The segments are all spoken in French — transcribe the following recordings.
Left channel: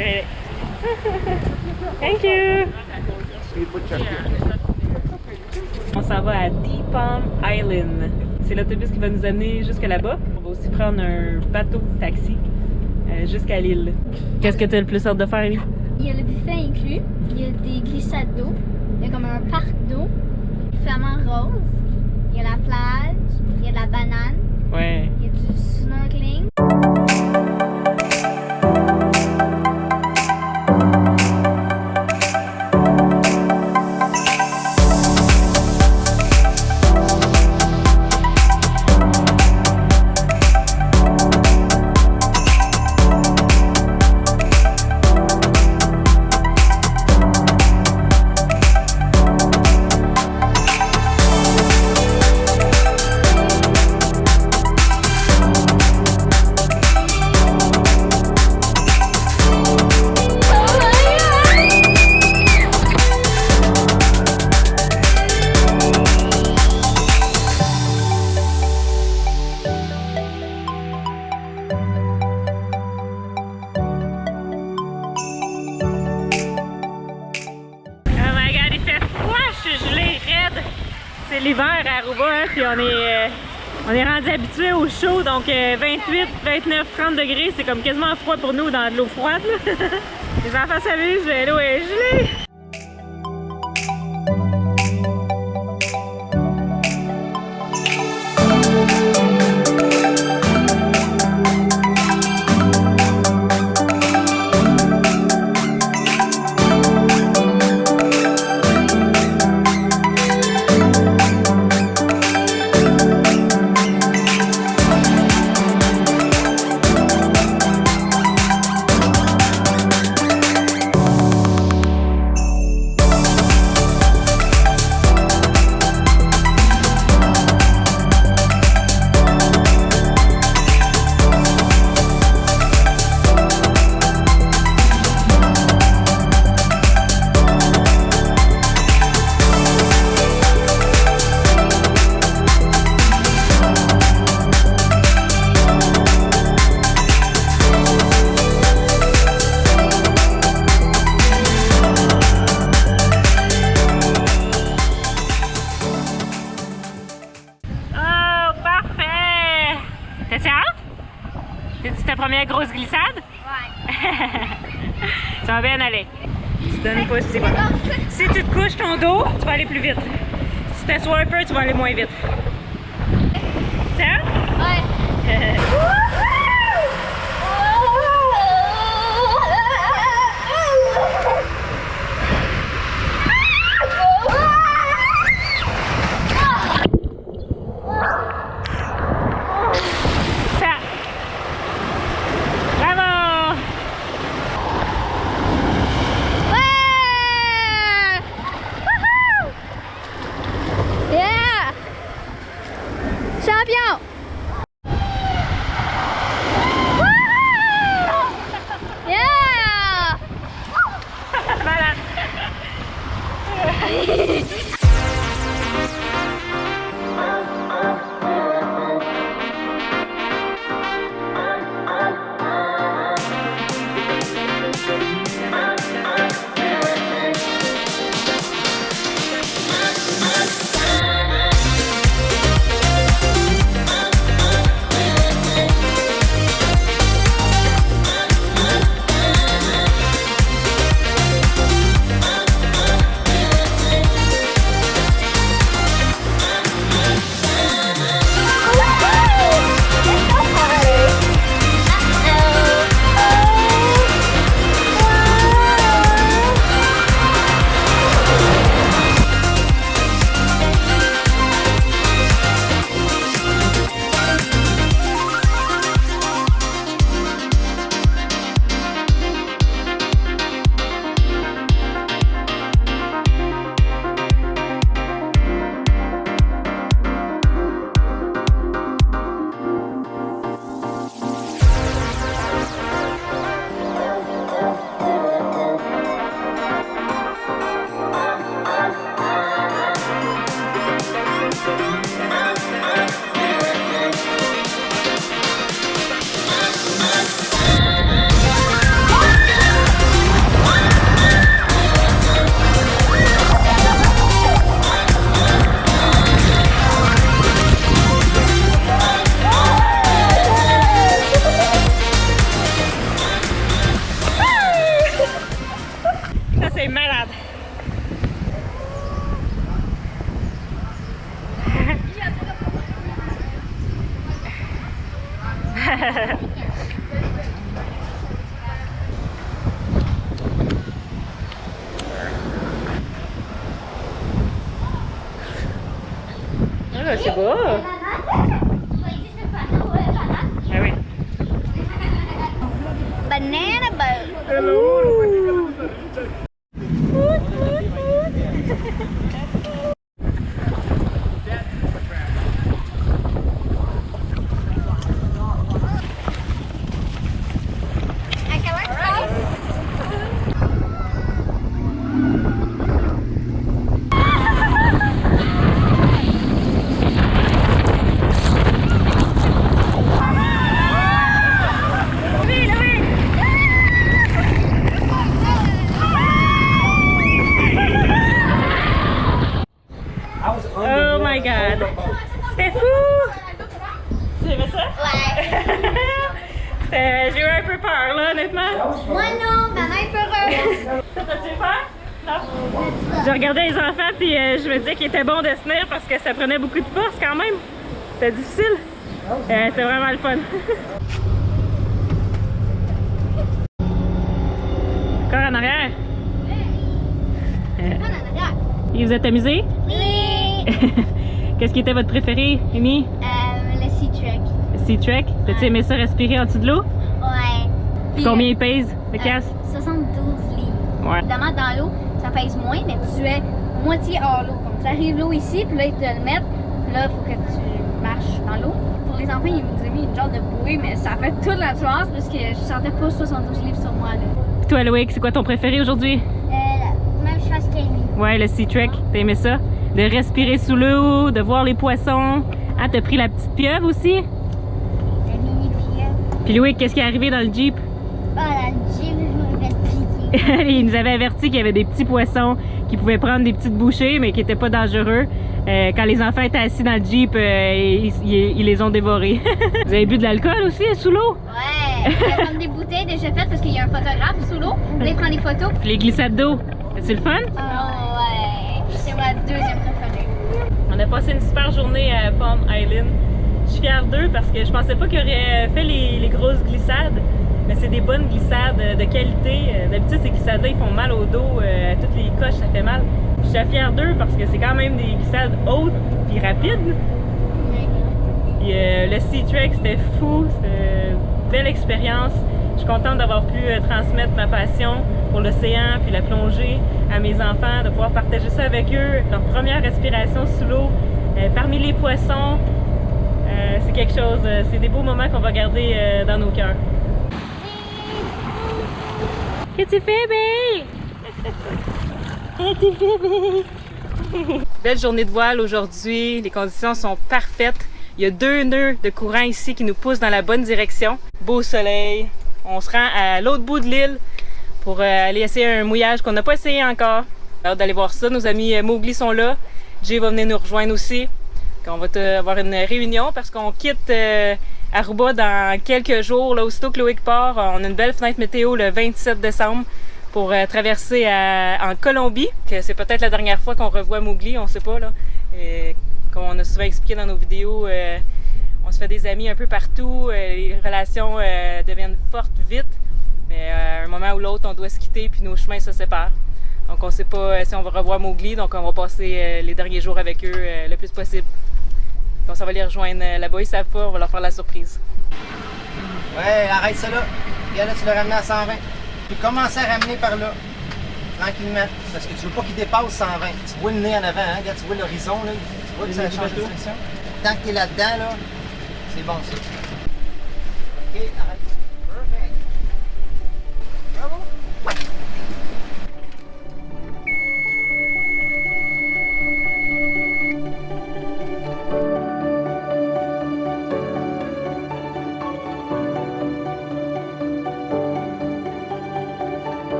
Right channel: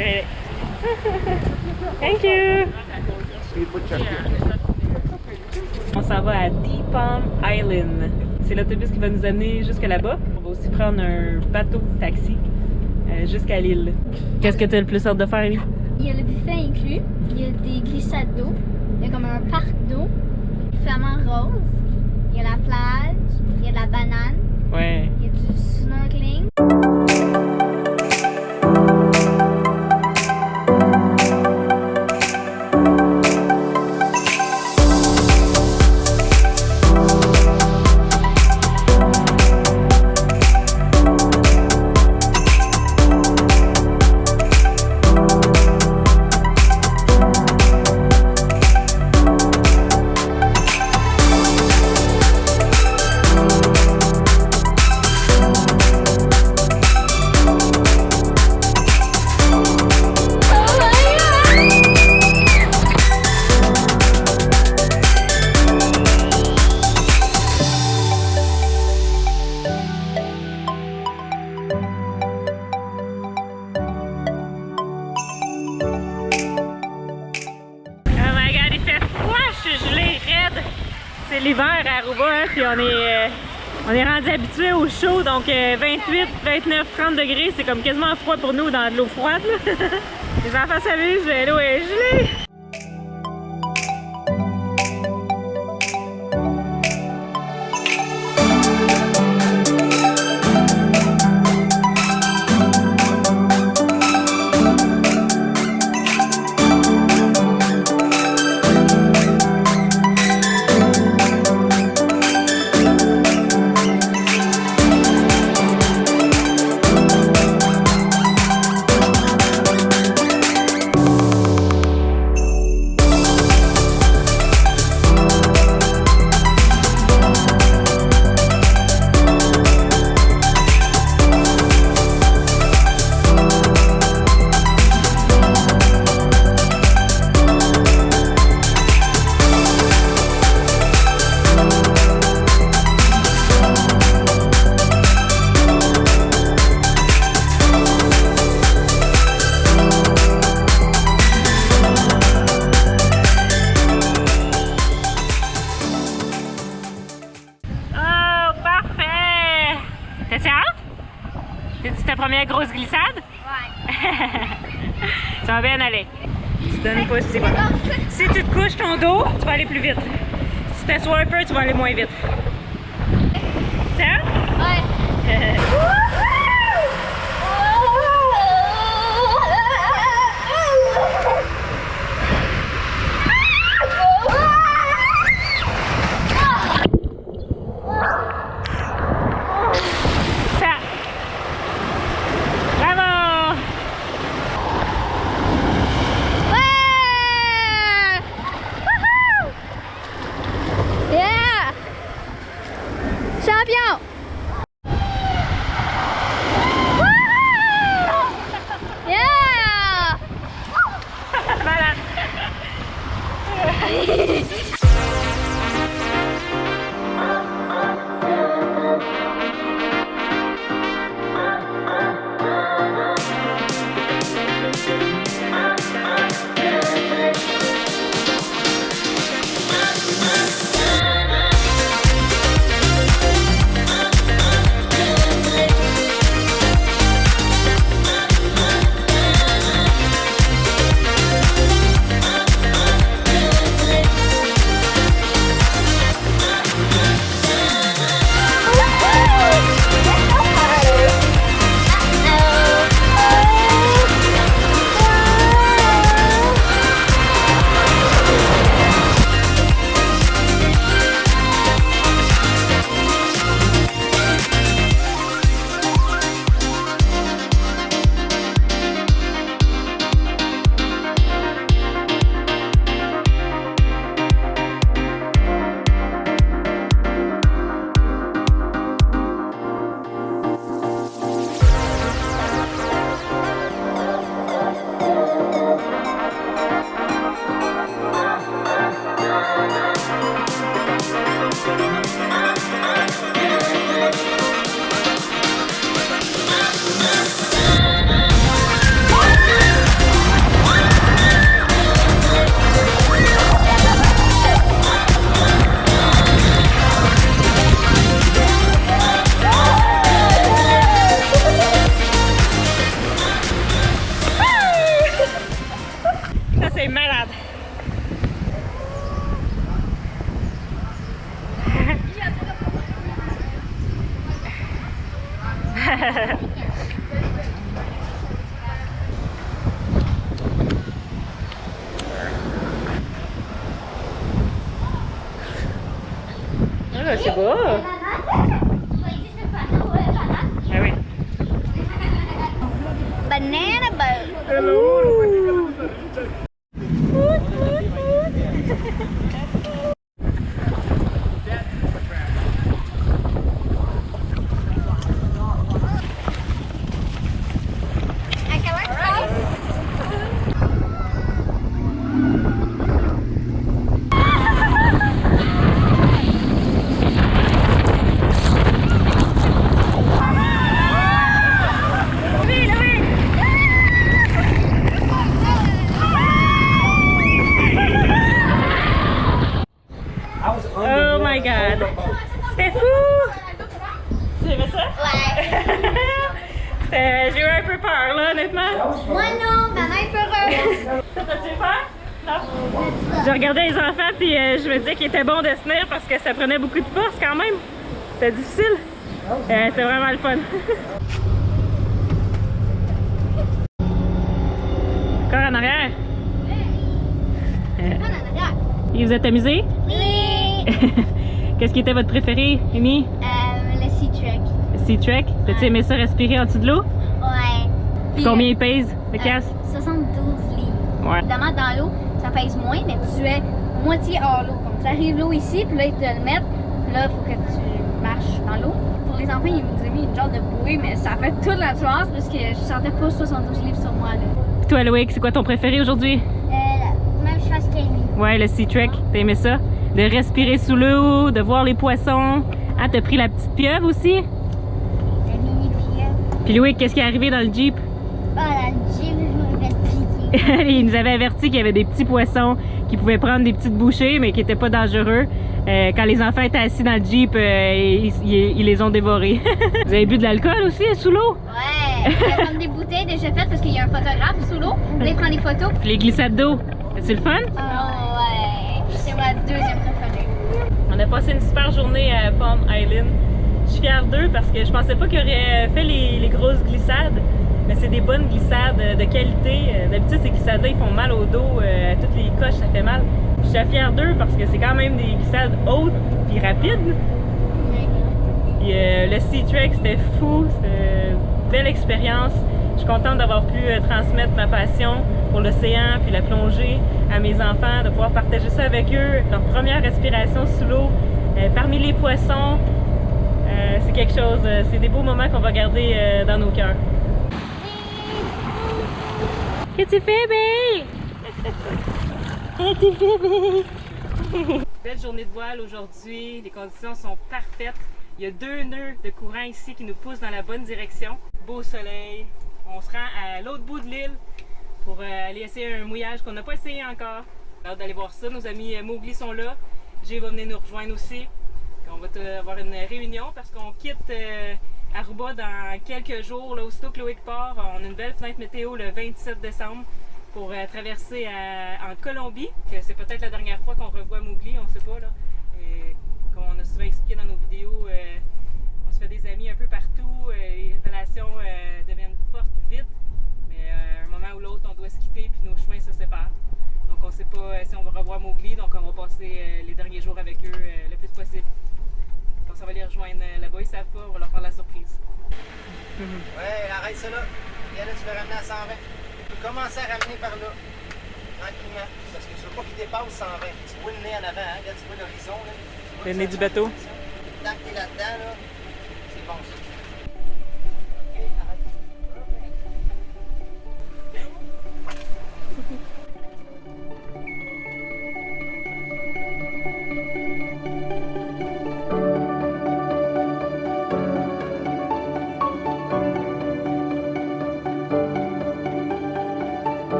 Really? Thank you! On s'en va à Deep Palm Island. C'est l'autobus qui va nous amener jusque là-bas. On va aussi prendre un bateau taxi jusqu'à l'île. Qu'est-ce que tu as le plus hâte de faire, Élie? Il y a le buffet inclus, il y a des glissades d'eau, il y a comme un parc d'eau, flamant rose, il y a la plage, il y a de la banane, Ouais. il y a du snorkeling. C'est l'hiver à Aruba, hein, puis on est rendu habitué au chaud, donc 28, 29, 30 degrés, c'est comme quasiment froid pour nous dans de l'eau froide. Là. Les enfants s'amusent, l'eau est gelée. C'est ta première grosse glissade? Ouais. Ça va bien aller. Tu te donnes pas, c'est quoi? Si tu te couches ton dos, tu vas aller plus vite. Si tu t'assois un peu, tu vas aller moins vite. Ça? Ouais. Ah, c'est beau. Ah oui. Banana boat. Hello. Oh my god! C'était fou! Tu aimais ça? Ouais. J'ai eu un peu peur là, honnêtement. Moi non, maman est peureuse. T'as-tu peur? Non? Je regardais les enfants puis je me disais qu'il était bon de se tenir parce que ça prenait beaucoup de force quand même. C'était difficile. C'est vraiment le fun. Encore en arrière? Et vous êtes amusés? Oui. Qu'est-ce qui était votre préféré, Amy? Le Sea Trek. Le Sea Trek? T'as-tu aimé ça respirer en dessous de l'eau? Ouais. Puis, Combien il pèse, le casque? 72 livres. Ouais. Évidemment, dans l'eau, ça pèse moins, mais tu es moitié hors l'eau. Comme tu arrives l'eau ici, puis là, ils te le mettent. Puis là, il faut que tu marches dans l'eau. Pour les enfants, ils nous ont mis une genre de bouée, mais ça fait toute la différence parce que je sentais pas 72 livres sur moi. Là. Toi, Loïc, c'est quoi ton préféré aujourd'hui? Même chose qu'Amy. Ouais, le Sea Trek. T'as aimé ça? De respirer sous l'eau, de voir les poissons. Ah, t'as pris la petite pieuvre aussi? La mini pieuvre. Puis Loïc, qu'est-ce qui est arrivé dans le Jeep? Ah, la gym, je me fait piquer. Il nous avait averti qu'il y avait des petits poissons qui pouvaient prendre des petites bouchées, mais qui n'étaient pas dangereux. Quand les enfants étaient assis dans le Jeep, ils les ont dévorés. Vous avez bu de l'alcool aussi sous l'eau? Ouais, il y a comme des bouteilles déjà faites parce qu'il y a un photographe sous l'eau. Là, il prend des photos. Puis les glissades d'eau, c'est le fun? Oh ouais, c'est ma deuxième préférée. On a passé une super journée à Palm Island. Je suis fière d'eux parce que je pensais pas qu'ils auraient fait les grosses glissades. Mais c'est des bonnes glissades de qualité. D'habitude, ces glissades-là, ils font mal au dos. À toutes les coches, ça fait mal. Je suis fière d'eux parce que c'est quand même des glissades hautes et rapides. Et, le Sea Trek, c'était fou. C'était une belle expérience. Je suis contente d'avoir pu transmettre ma passion pour l'océan puis la plongée à mes enfants, de pouvoir partager ça avec eux. Leur première respiration sous l'eau, parmi les poissons. C'est quelque chose, c'est des beaux moments qu'on va garder dans nos cœurs. Qu'est-ce que tu fais, babe? Qu'est-ce que tu fais, babe? Belle journée de voile aujourd'hui, les conditions sont parfaites. Il y a 2 nœuds de courant ici qui nous poussent dans la bonne direction. Beau soleil. On se rend à l'autre bout de l'île pour aller essayer un mouillage qu'on n'a pas essayé encore. J'ai hâte d'aller voir ça. Nos amis Mowgli sont là. Jay va venir nous rejoindre aussi. On va avoir une réunion parce qu'on quitte Aruba dans quelques jours. Là, aussitôt que Loïc part, on a une belle fenêtre météo le 27 décembre pour traverser en Colombie. C'est peut-être la dernière fois qu'on revoit Mowgli, on ne sait pas. Là. Comme on a souvent expliqué dans nos vidéos, on se fait des amis un peu partout. Les relations deviennent fortes vite. Mais à un moment ou l'autre, on doit se quitter puis nos chemins se séparent. Donc on ne sait pas si on va revoir Mowgli, donc on va passer les derniers jours avec eux le plus possible. Donc ça va les rejoindre là-bas, ils savent pas, on va leur faire la surprise. Ouais, arrête ça là. Et là, tu l'as ramené à 120. Tu peux commencer à ramener par là, tranquillement. Parce que tu veux pas qu'il dépasse 120. Tu vois le nez en avant, hein? Regarde, tu vois l'horizon, là. Tu vois Le que nez ça du change de bateau. direction. Tant que tu es là-dedans, là, c'est bon ça. OK, arrête. Perfect. Bravo.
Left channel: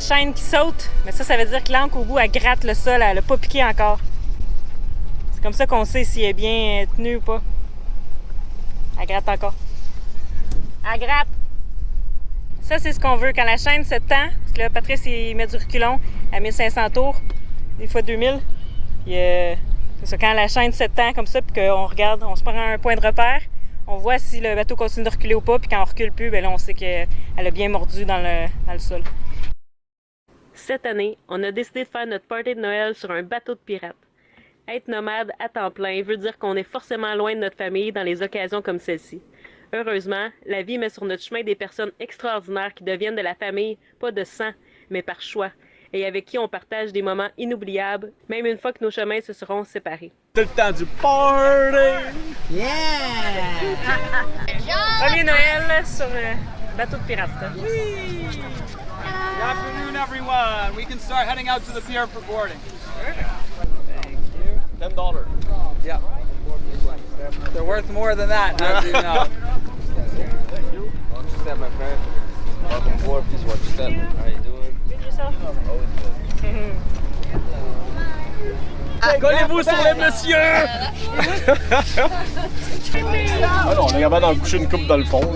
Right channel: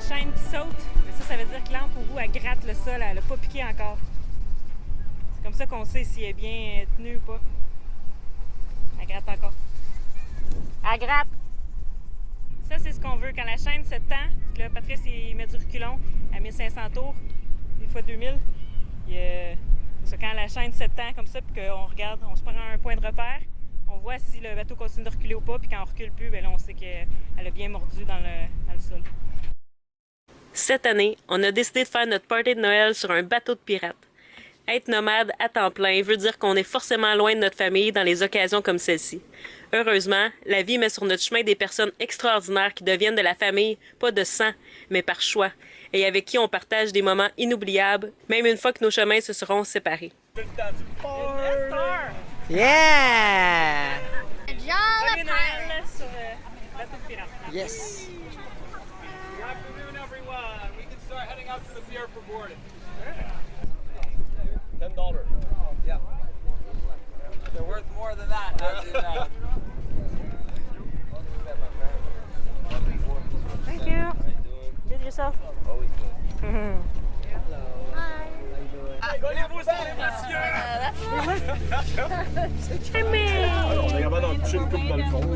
la chaîne qui saute, mais ça veut dire que l'ancre au bout, elle gratte le sol, elle n'a pas piqué encore. C'est comme ça qu'on sait si elle est bien tenue ou pas. Elle gratte encore. Elle gratte! Ça, c'est ce qu'on veut. Quand la chaîne se tend, parce que là, Patrice, il met du reculon à 1500 tours, des fois 2000. C'est ça, quand la chaîne se tend comme ça, puis qu'on regarde, on se prend un point de repère, on voit si le bateau continue de reculer ou pas, puis quand on recule plus, bien là, on sait qu'elle a bien mordu dans le sol. Cette année, on a décidé de faire notre party de Noël sur un bateau de pirate. Être nomade à temps plein veut dire qu'on est forcément loin de notre famille dans les occasions comme celle-ci. Heureusement, la vie met sur notre chemin des personnes extraordinaires qui deviennent de la famille, pas de sang, mais par choix, et avec qui on partage des moments inoubliables, même une fois que nos chemins se seront séparés. C'est le temps du party! Yeah! Premier Noël sur le bateau de pirate. Yes. Good afternoon, everyone. We can start heading out to the pier for boarding. $10. Yeah. They're worth more than that, as you know. Watch your step, my friend. Welcome aboard. Please watch your step. you. How you doing? Good yourself. Always good. Collez-vous sur les messieurs! Ah non, on est capable d'en coucher une coupe dans le fond. Là.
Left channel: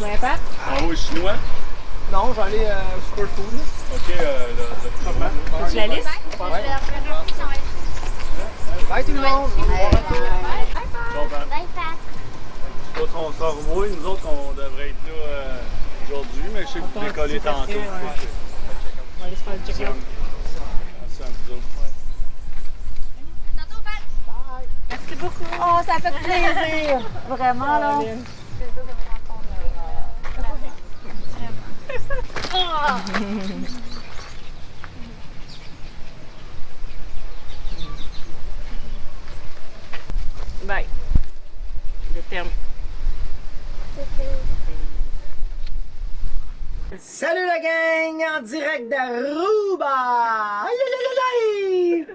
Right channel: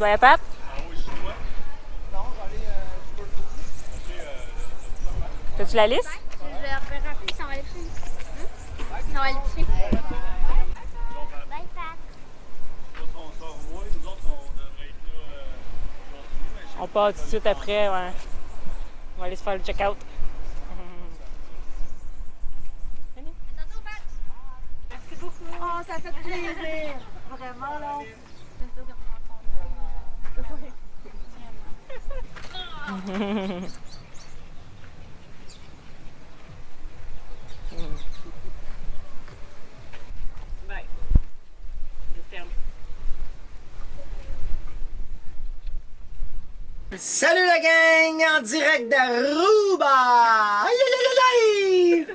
Ouais, Pat? Ah oui, chinois. Non, j'en ai super food. Ok, le fromage. As-tu la liste? Je leur fais rappeler ça va être. Bye tout le monde! Bye, Pat. Je sais pas si on sort au moins, nous autres, on devrait être là aujourd'hui, mais je sais que On part tout de suite après, ouais. On va aller se faire le check-out. Tantôt, Pat. Merci beaucoup. Oh, ça fait plaisir. Vraiment, là. Bye. Le terme. Salut la gang! En direct d'Aruba! Aïe aïe aïe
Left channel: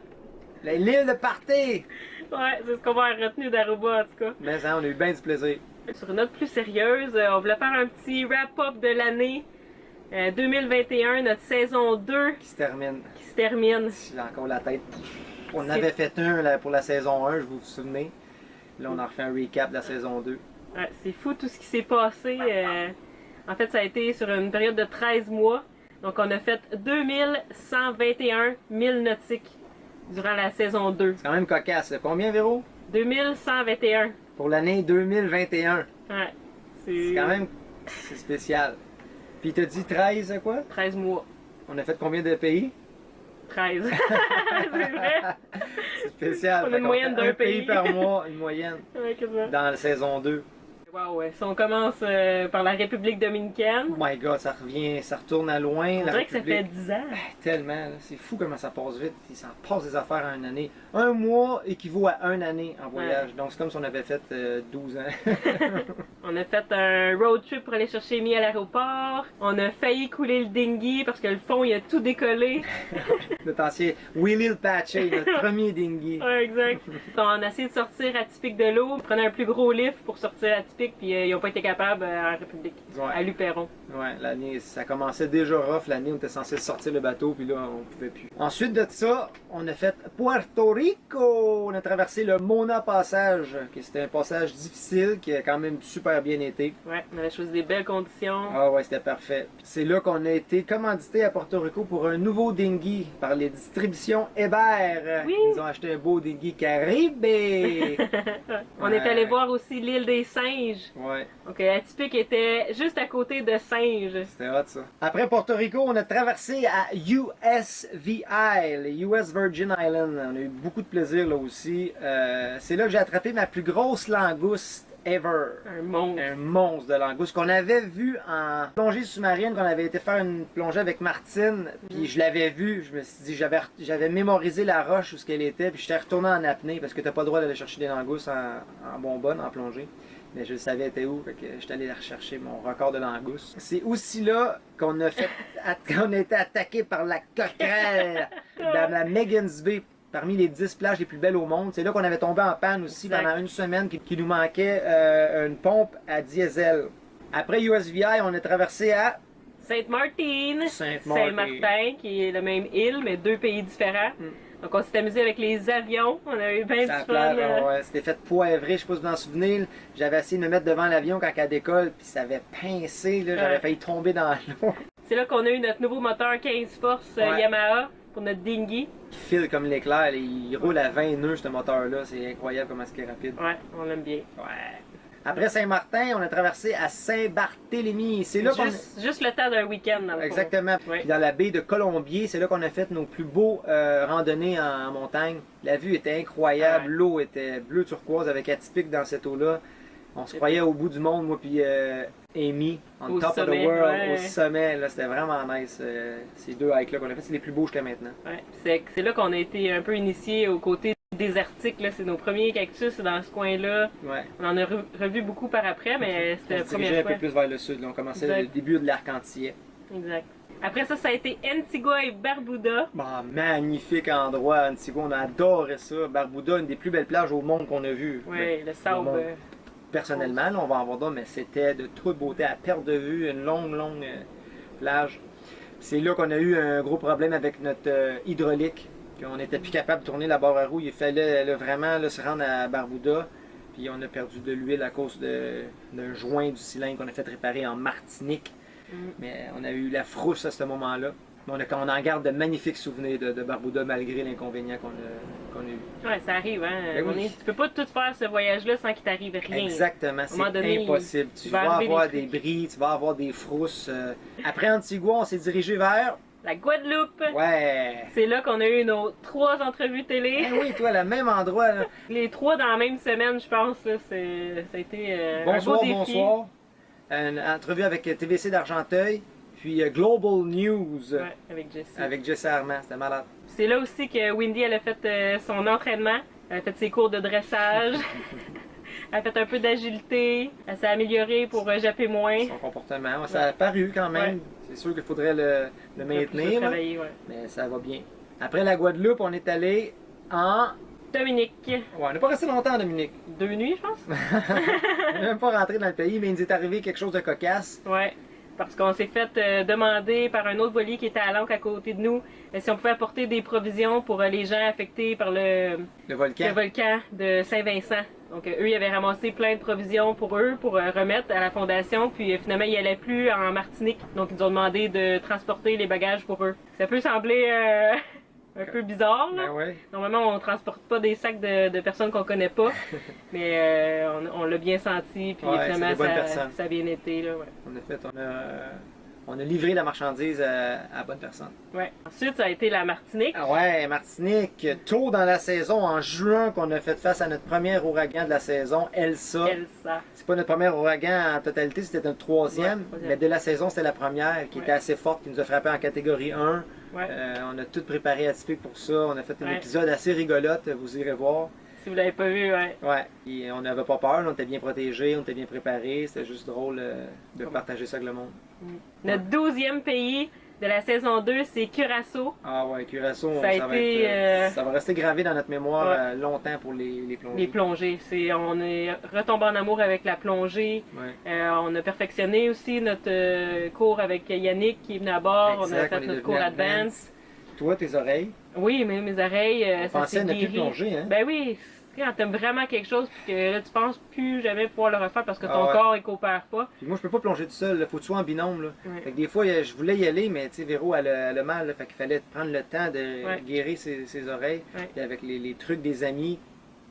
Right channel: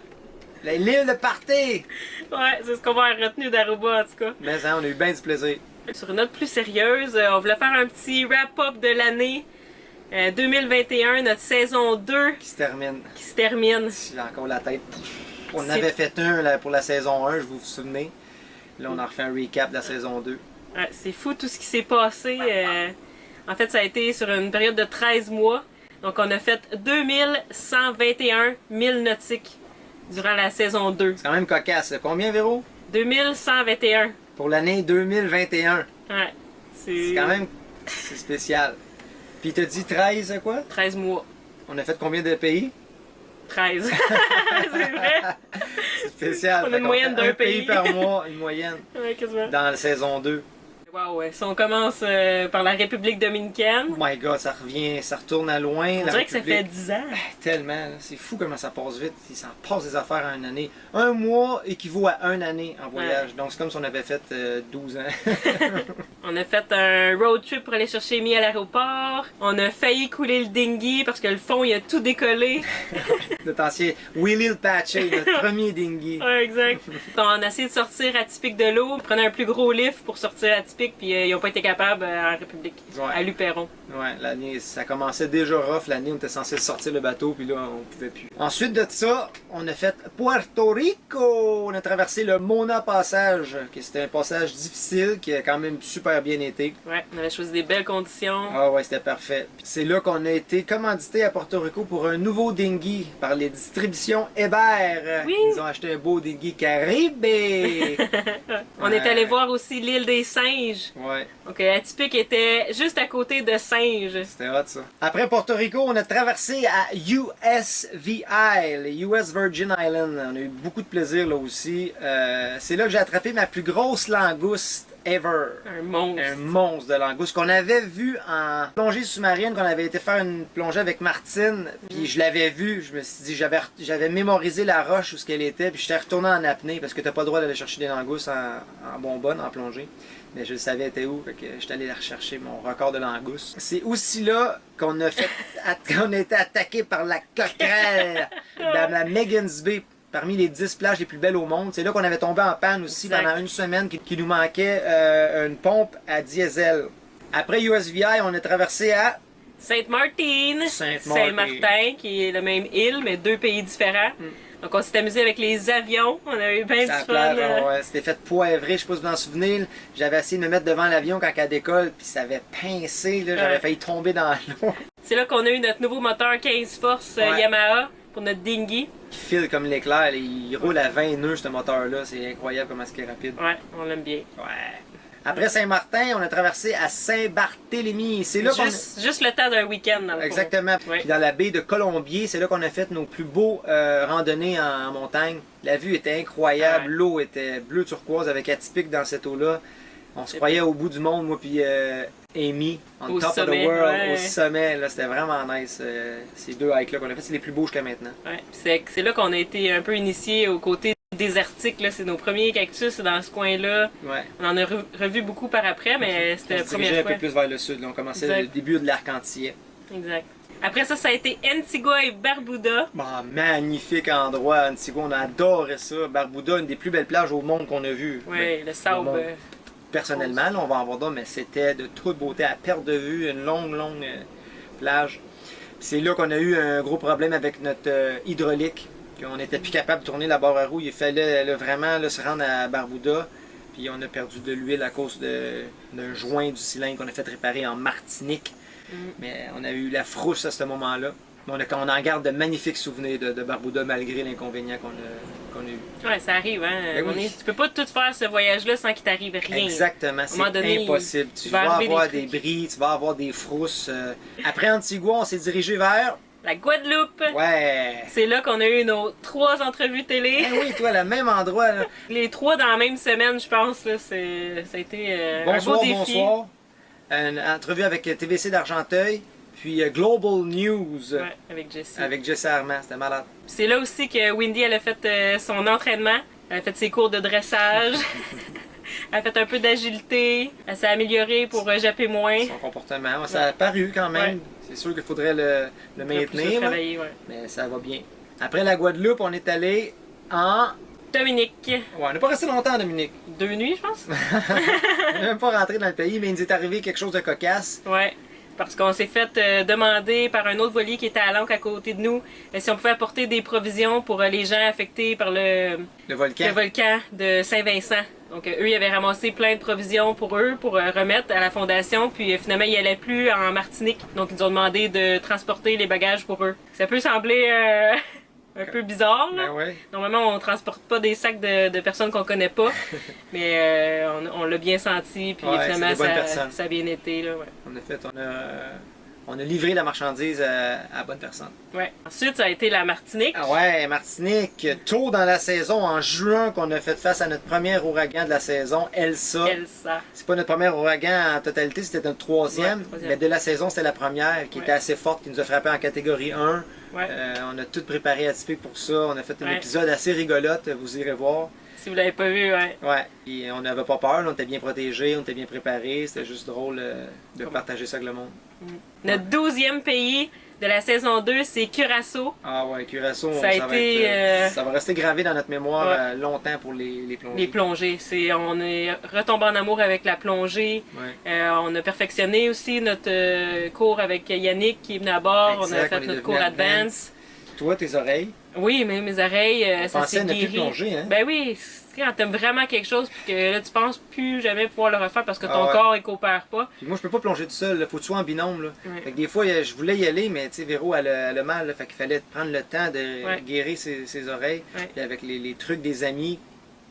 aïe! L'île de party! Ouais, c'est ce qu'on va avoir retenu d'Aruba en tout cas. Mais ça, on a eu bien du plaisir. Sur une note plus sérieuse, on voulait faire un petit wrap-up de l'année 2021, notre saison 2 Qui se termine. qui se termine. J'ai encore la tête. On C'est- avait fait un là, pour la saison 1, je vous souvenez. Là, on a refait un recap de la saison 2. Ouais, c'est fou tout ce qui s'est passé. En fait, ça a été sur une période de 13 mois. Donc, on a fait 2121 milles nautiques durant la saison 2. C'est quand même cocasse. Là. Combien, Véro? 2121. Pour l'année 2021. Ouais. C'est quand même c'est spécial. Puis t'as dit 13 quoi? 13 mois. On a fait combien de pays? 13. C'est vrai? C'est spécial. On a Fait une qu'on moyenne fait d'un un pays pays. par mois, une moyenne, Ouais, quasiment. dans la saison 2. Wow, ouais. Si on commence par la République dominicaine, Oh my god, ça revient, ça retourne à loin. on la dirait que ça fait République. 10 ans. Tellement, là. C'est fou comment ça passe vite. Il s'en passe des affaires en une année. Un mois équivaut à une année en voyage. Donc c'est comme si on avait fait 12 ans. On a fait un road trip pour aller chercher Amy à l'aéroport. On a failli couler le dinghy parce que le fond, il a tout décollé. Notre ancien Willie le Patchay, notre premier dinghy. Ouais, exact. On a essayé de sortir Atypique de l'eau. On prenait un plus gros lift pour sortir Atypique, puis ils n'ont pas été capables en République, Ouais. à Luperon. Ouais, l'année, ça commençait déjà rough l'année, on était censé sortir le bateau, puis là, on pouvait plus. Ensuite de ça, on a fait Puerto Rico! On a traversé le Mona Passage, qui c'était un passage difficile, qui a quand même super bien été. Ouais, on avait choisi des belles conditions. Ah ouais, c'était parfait. Puis c'est là qu'on a été commandité à Porto Rico pour un nouveau dinghy par les distributions Hébert. Oui. Ils ont acheté un beau dinghy Caribe! On est allé voir aussi l'île des singes. Ouais. Donc Atypique était juste à côté de Singes. C'était hot, ça. Après Porto Rico, on a traversé à USVI, les US Virgin Islands. On a eu beaucoup de plaisir là aussi. C'est là que j'ai attrapé ma plus grosse langouste ever. Un monstre. Un monstre de langouste qu'on avait vu en plongée sous-marine, qu'on avait été faire une plongée avec Martine, puis je l'avais vu, je me suis dit, j'avais mémorisé la roche où ce qu'elle était, puis j'étais retourné en apnée, parce que t'as pas le droit d'aller chercher des langoustes en bonbonne, en plongée. Mais je savais elle était où, fait que j'étais allé la rechercher, mon record de langoustes. C'est aussi là qu'on a fait, qu'on a été attaqué par la coquerelle dans la Magens Bay. Parmi les 10 plages les plus belles au monde. C'est là qu'on avait tombé en panne aussi Exact. pendant une semaine, qui nous manquait une pompe à diesel. Après USVI, on a traversé à Sainte-Martine. Sainte-Martine. Saint-Martin, qui est la même île, mais deux pays différents. Donc on s'est amusé avec les avions. On a eu bien du la fun. plage. Ouais, c'était fait poivré, je sais pas si vous vous en souvenez. J'avais essayé de me mettre devant l'avion quand elle décolle, puis ça avait pincé, là, j'avais Ouais. failli tomber dans l'eau. C'est là qu'on a eu notre nouveau moteur 15 forces Ouais. Yamaha pour notre dinghy. Il file comme l'éclair, là, il roule à 20 nœuds ce moteur-là, c'est incroyable comment c'est rapide. Ouais, on l'aime bien. Ouais. Après Saint-Martin, on a traversé à Saint-Barthélemy. C'est là qu'on Juste le temps d'un week-end dans le fond. Exactement. Ouais. Puis dans la baie de Colombier, c'est là qu'on a fait nos plus beaux randonnées en montagne. La vue était incroyable, Ouais. l'eau était bleu turquoise avec Atypique dans cette eau-là. On se croyait au bout du monde, moi puis Amy, on Au top of sommet, the world, ouais. au sommet. Là, c'était vraiment nice. Ces deux hikes-là qu'on a fait, c'est les plus beaux jusqu'à maintenant. Ouais. C'est là qu'on a été un peu initiés au côté désertique. Là. C'est nos premiers cactus dans ce coin-là. Ouais. On en a revu beaucoup par après, mais c'était On la se dirigeait première un fois. peu plus vers le sud. Là. On commençait Exact. le début de l'Arc-en-Ciel. Exact. Après ça, ça a été Antigua et Barbuda. Bon, magnifique endroit, Antigua. On a adoré ça. Barbuda, une des plus belles plages au monde qu'on a vues. Ouais, le sable. monde. Personnellement, là, on va en voir d'autres, mais c'était de toute beauté à perte de vue, une longue plage. C'est là qu'on a eu un gros problème avec notre hydraulique, qu'on n'était plus capable de tourner la barre à roue. Il fallait là, vraiment là, se rendre à Barbuda. Puis on a perdu de l'huile à cause d'un joint du cylindre qu'on a fait réparer en Martinique. Mais on a eu la frousse à ce moment-là. Mais on en garde de magnifiques souvenirs de Barbuda malgré l'inconvénient qu'on a eu. Ouais, ça arrive, hein. Ben oui. Tu peux pas tout faire ce voyage-là sans qu'il t'arrive rien. Exactement, À un moment c'est donné, impossible. il Tu va vas arriver avoir des des trucs. bris, tu vas avoir des frousses. Après Antigua, on s'est dirigé vers... La Guadeloupe. Ouais! C'est là qu'on a eu nos 3 entrevues télé. Ah oui, toi, le même endroit, là. Les 3 dans la même semaine, je pense. Là, ça a été un Bonsoir, beau défi. bonsoir. Une entrevue avec TVC d'Argenteuil, puis Global News Ouais, avec Jessie. avec Jesse Armand, c'était malade. C'est là aussi que Wendy elle a fait son entraînement. Elle a fait ses cours de dressage. Elle a fait un peu d'agilité. Elle s'est améliorée pour japper moins. Son comportement, ça a paru quand même. Ouais. C'est sûr qu'il faudrait le Plus maintenir, là, travailler, ouais. mais ça va bien. Après la Guadeloupe, on est allé en... Dominique. Ouais, on n'est pas resté longtemps à Dominique. 2 nuits, je pense. On n'est même pas rentré dans le pays, mais il nous est arrivé quelque chose de cocasse. Ouais. Parce qu'on s'est fait demander par un autre voilier qui était à l'ancre à côté de nous si on pouvait apporter des provisions pour les gens affectés par le Le volcan de Saint-Vincent. Donc eux, ils avaient ramassé plein de provisions pour eux, pour remettre à la fondation. Puis finalement, ils n'allaient plus en Martinique. Donc ils nous ont demandé de transporter les bagages pour eux. Ça peut sembler un peu bizarre, là. Ben ouais. Normalement, on transporte pas des sacs de personnes qu'on connaît pas. Mais on l'a bien senti. Puis Ouais, finalement, c'est des bonnes personnes. ça a bien été, là, ouais. En effet, on a livré la marchandise à la bonne personne. Ouais. Ensuite, ça a été la Martinique. Ah ouais, Martinique, tôt dans la saison, en juin, qu'on a fait face à notre premier ouragan de la saison, Elsa. Elsa. C'est pas notre premier ouragan en totalité, c'était notre troisième. Ouais, troisième. Mais de la saison, c'était la première qui Ouais. était assez forte, qui nous a frappé en catégorie 1. Ouais. On a tout préparé atypique pour ça. On a fait un Ouais. épisode assez rigolote, vous irez voir. Si vous l'avez pas vu, ouais. Ouais. Et on n'avait pas peur, là, on était bien protégés, on était bien préparés. C'était juste drôle de partager ça avec le monde. Notre 12e pays de la saison 2, c'est Curaçao. Ah ouais, Curaçao, Ça a été, ça va rester gravé dans notre mémoire Ouais. longtemps pour les plongées. Les plongées. On est retombé en amour avec la plongée. Ouais. On a perfectionné aussi notre cours avec Yannick qui est venu à bord. Exact, on a on fait est notre devenu cours Advance. Toi, tes oreilles, Oui, mais mes oreilles, ça pensais s'est ne plus guéri. plonger, hein? Ben oui, c'est quand t'aimes vraiment quelque chose puis que là, tu penses plus jamais pouvoir le refaire parce que ton Ah ouais. corps, il coopère pas. Puis moi, je peux pas plonger tout seul, il faut que tu sois en binôme. Là. Ouais. Fait que des fois, je voulais y aller, mais tu sais, Véro, elle a mal, là, fait qu'il fallait prendre le temps de Ouais. guérir ses oreilles. Ouais. Puis avec les trucs des amis,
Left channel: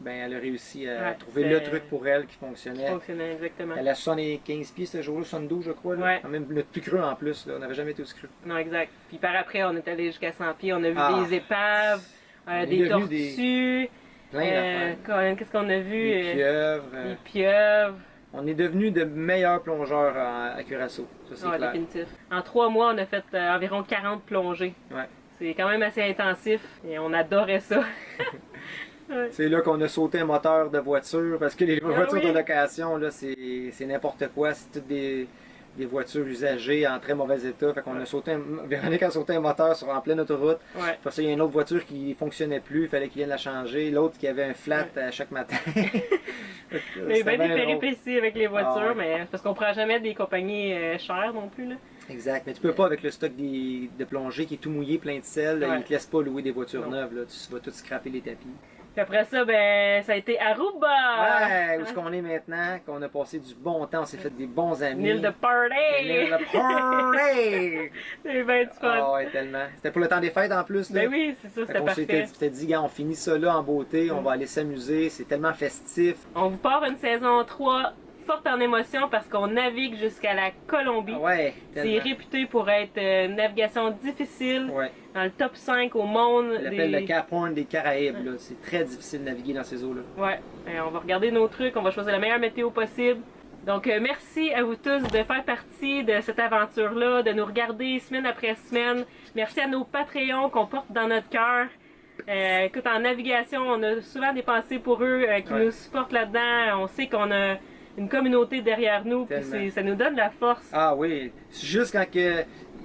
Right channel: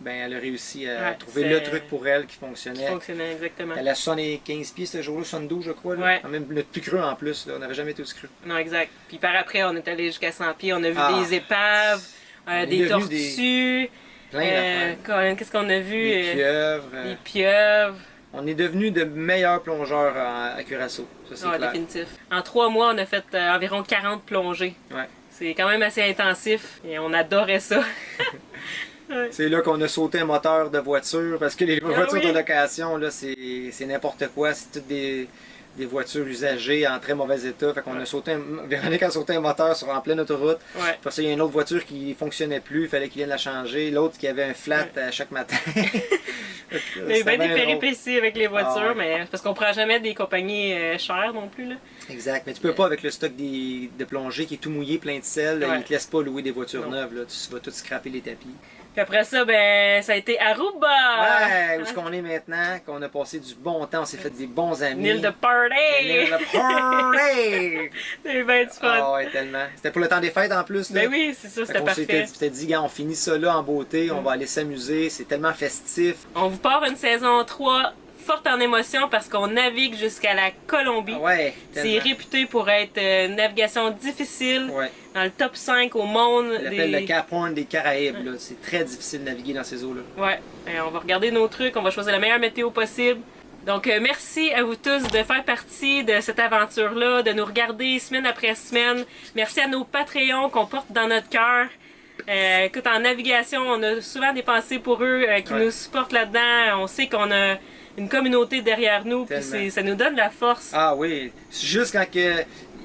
ben, elle a réussi à Ouais, trouver c'est- le truc pour elle qui Qui fonctionnait. fonctionnait exactement. Elle a 75 pieds ce jour-là, 72 je crois. Là. Ouais. Quand même notre plus creux en plus, là. On n'avait jamais été aussi creux. Non, exact. Puis par après, on est allé jusqu'à 100 pieds. On a vu Ah. des épaves, On est des devenu tortues. Plein d'affaires. Qu'est-ce qu'on a vu? Des pieuvres. Des pieuvres. On est devenus de meilleurs plongeurs à Curaçao. Ça, c'est Ouais, clair. définitif. En 3 mois, on a fait environ 40 plongées. Ouais. C'est quand même assez intensif et on adorait ça. C'est là qu'on a sauté un moteur de voiture parce que les voitures oui. de location, là, c'est n'importe quoi. C'est toutes des voitures usagées en très mauvais état. Fait qu'on a sauté Véronique a sauté un moteur en pleine autoroute. Ouais. Parce qu'il y a une autre voiture qui fonctionnait plus, il fallait qu'il vienne la changer. L'autre qui avait un flat à chaque matin. Il y a eu bien des péripéties avec les voitures, Ah ouais. mais c'est parce qu'on prend jamais des compagnies chères non plus. Là. Exact, mais tu peux pas avec le stock de plongée qui est tout mouillé, plein de sel. Ouais. Ils te laissent pas louer des voitures Non. neuves. Là. Tu vas tout scraper les tapis. Puis après ça, ben, ça a été Aruba! Ouais, où est-ce qu'on est maintenant? Qu'on a passé du bon temps, on s'est fait des bons amis. Une île de party! L'île de party! C'est bien du fun. Ah ouais, tellement. C'était pour le temps des fêtes en plus. Là. Ben oui, c'est ça, Fait c'était qu'on parfait. s'était dit, gars, on finit ça là en beauté, on va aller s'amuser, c'est tellement festif. On vous part une saison 3 forte en émotion parce qu'on navigue jusqu'à la Colombie. Ah ouais, C'est tellement. réputé pour être une navigation difficile, Ouais. dans le top 5 au monde. On l'appelle le Cap Horn des Caraïbes. Là. C'est très difficile de naviguer dans ces eaux-là. Ouais, on va regarder nos trucs, on va choisir la meilleure météo possible. Donc, merci à vous tous de faire partie de cette aventure-là, de nous regarder semaine après semaine. Merci à nos Patreons qu'on porte dans notre cœur. Écoute, en navigation, on a souvent des pensées pour eux qui Ouais. nous supportent là-dedans. On sait qu'on a une communauté derrière nous, puis Tellement. ça nous donne la force. Ah oui, c'est juste quand que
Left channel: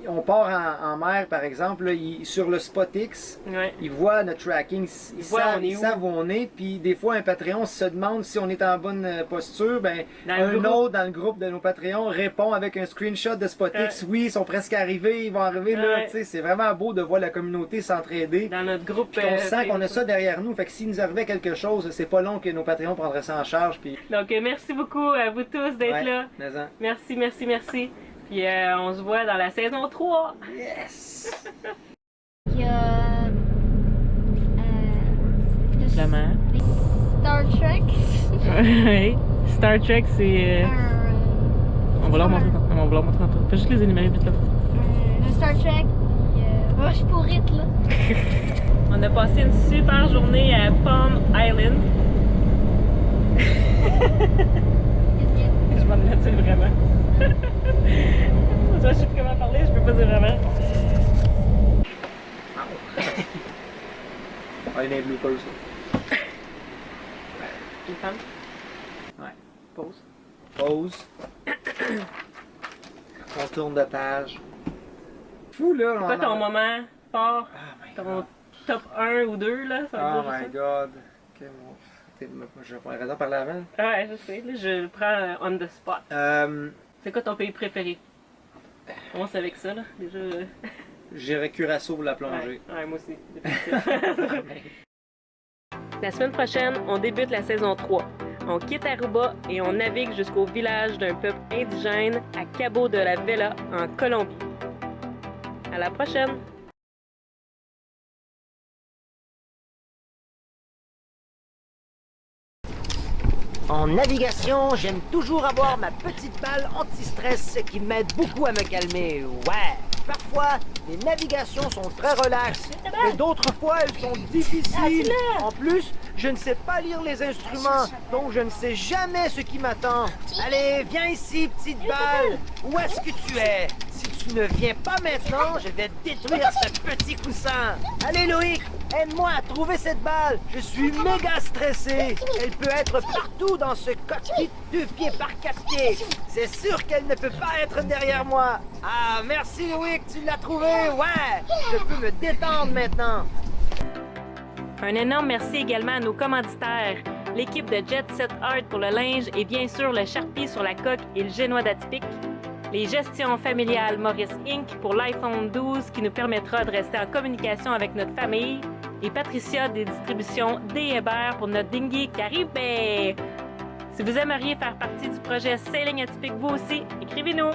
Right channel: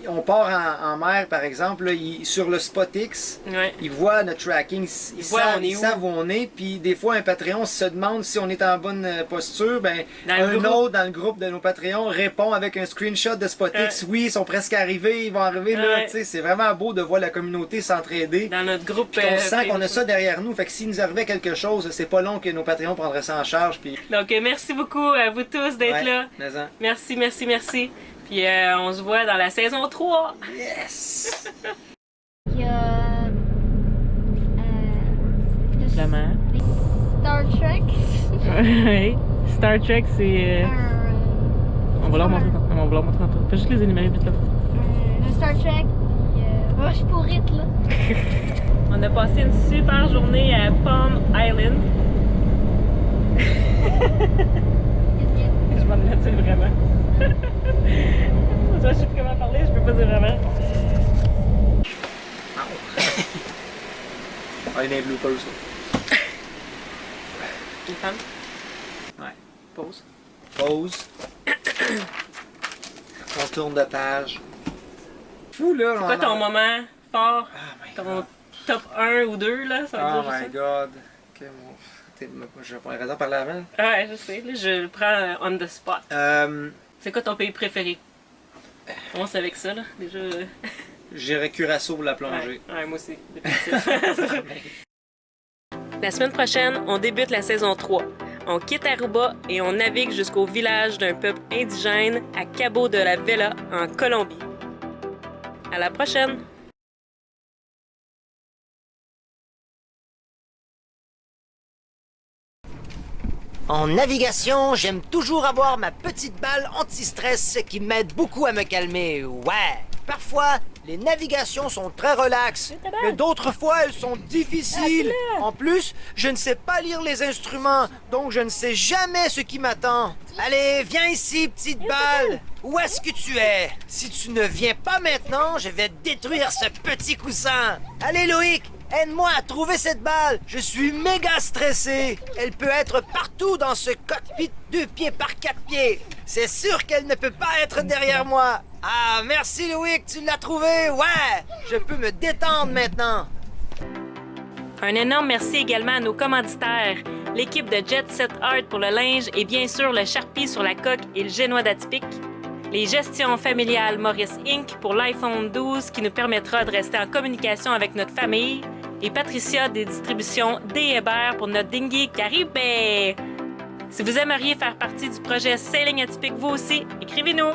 on part en mer, par exemple, là, sur le SpotX, Ouais. ils voient notre tracking, ils voient on est ils où. savent où on est, puis des fois un Patreon se demande si on est en bonne posture, ben Dans le un groupe. autre dans le groupe de nos Patreons répond avec un screenshot de SpotX, oui, ils sont presque arrivés, ils vont arriver là, Ouais. tu sais, c'est vraiment beau de voir la communauté s'entraider. Dans notre groupe. Puis on sent qu'on a Facebook. ça derrière nous, fait que s'il nous arrivait quelque chose, c'est pas long que nos Patreons prendraient ça en charge, puis... Donc, merci beaucoup à vous tous d'être Ouais, là. mais en- Merci, merci, merci. Puis on se voit dans la saison 3. Yes! Il y a. La mer. Star Trek. Oui. Star Trek, c'est. On va leur montrer tantôt. On va leur montrer tantôt. Fais juste les énumérer vite là. Le Star Trek. Il y a Rush pour It, là. On a passé une super journée à Palm Island. Qu'est-ce qu'il y a? Je m'en ai vraiment. Je sais plus comment parler, je peux pas dire vraiment. Ah, il y a des bloopers, ça. Les femmes. Ouais. Pause. Pause. On tourne de page. Fou, là. C'est quoi ton moment fort? Oh my Ton god. top 1 ou 2 là? Ça veut Oh dire my juste ça? god. Je vais prendre raison par la main. Ah ouais, je sais. Là, je le prends on the spot. C'est quoi ton pays préféré? Commence avec ça, là. Déjà. J'irai Curaçao pour la plongée. Ouais, moi aussi. La semaine prochaine, on débute la saison 3. On quitte Aruba et on navigue jusqu'au village d'un peuple indigène à Cabo de la Vela, en Colombie. À la prochaine! En navigation, j'aime toujours avoir ma petite balle anti-stress qui m'aide beaucoup à me calmer. Ouais. Parfois, les navigations sont très relaxes, mais d'autres fois, elles sont difficiles. En plus, je ne sais pas lire les instruments, donc je ne sais jamais ce qui m'attend. Allez, viens ici, petite balle. Où est-ce que tu es? Si tu ne viens pas maintenant, je vais détruire ce petit coussin. Allez, Loïc, aide-moi à trouver cette balle. Je suis méga stressé. Elle peut être partout dans ce cockpit 2 pieds par 4 pieds. C'est sûr qu'elle ne peut pas être derrière moi. Ah, merci Loïc, tu l'as trouvé. Ouais, je peux me détendre maintenant. Un énorme merci également à nos commanditaires, l'équipe de Jet Set Art pour le linge et bien sûr le Sharpie sur la coque et le génois d'Atypique, les gestions familiales Maurice Inc. pour l'iPhone 12 qui nous permettra de rester en communication avec notre famille, et Patricia des distributions D. Hébert pour notre dinghy Caribé. Si vous aimeriez faire partie du projet Sailing Atypique vous aussi, écrivez-nous!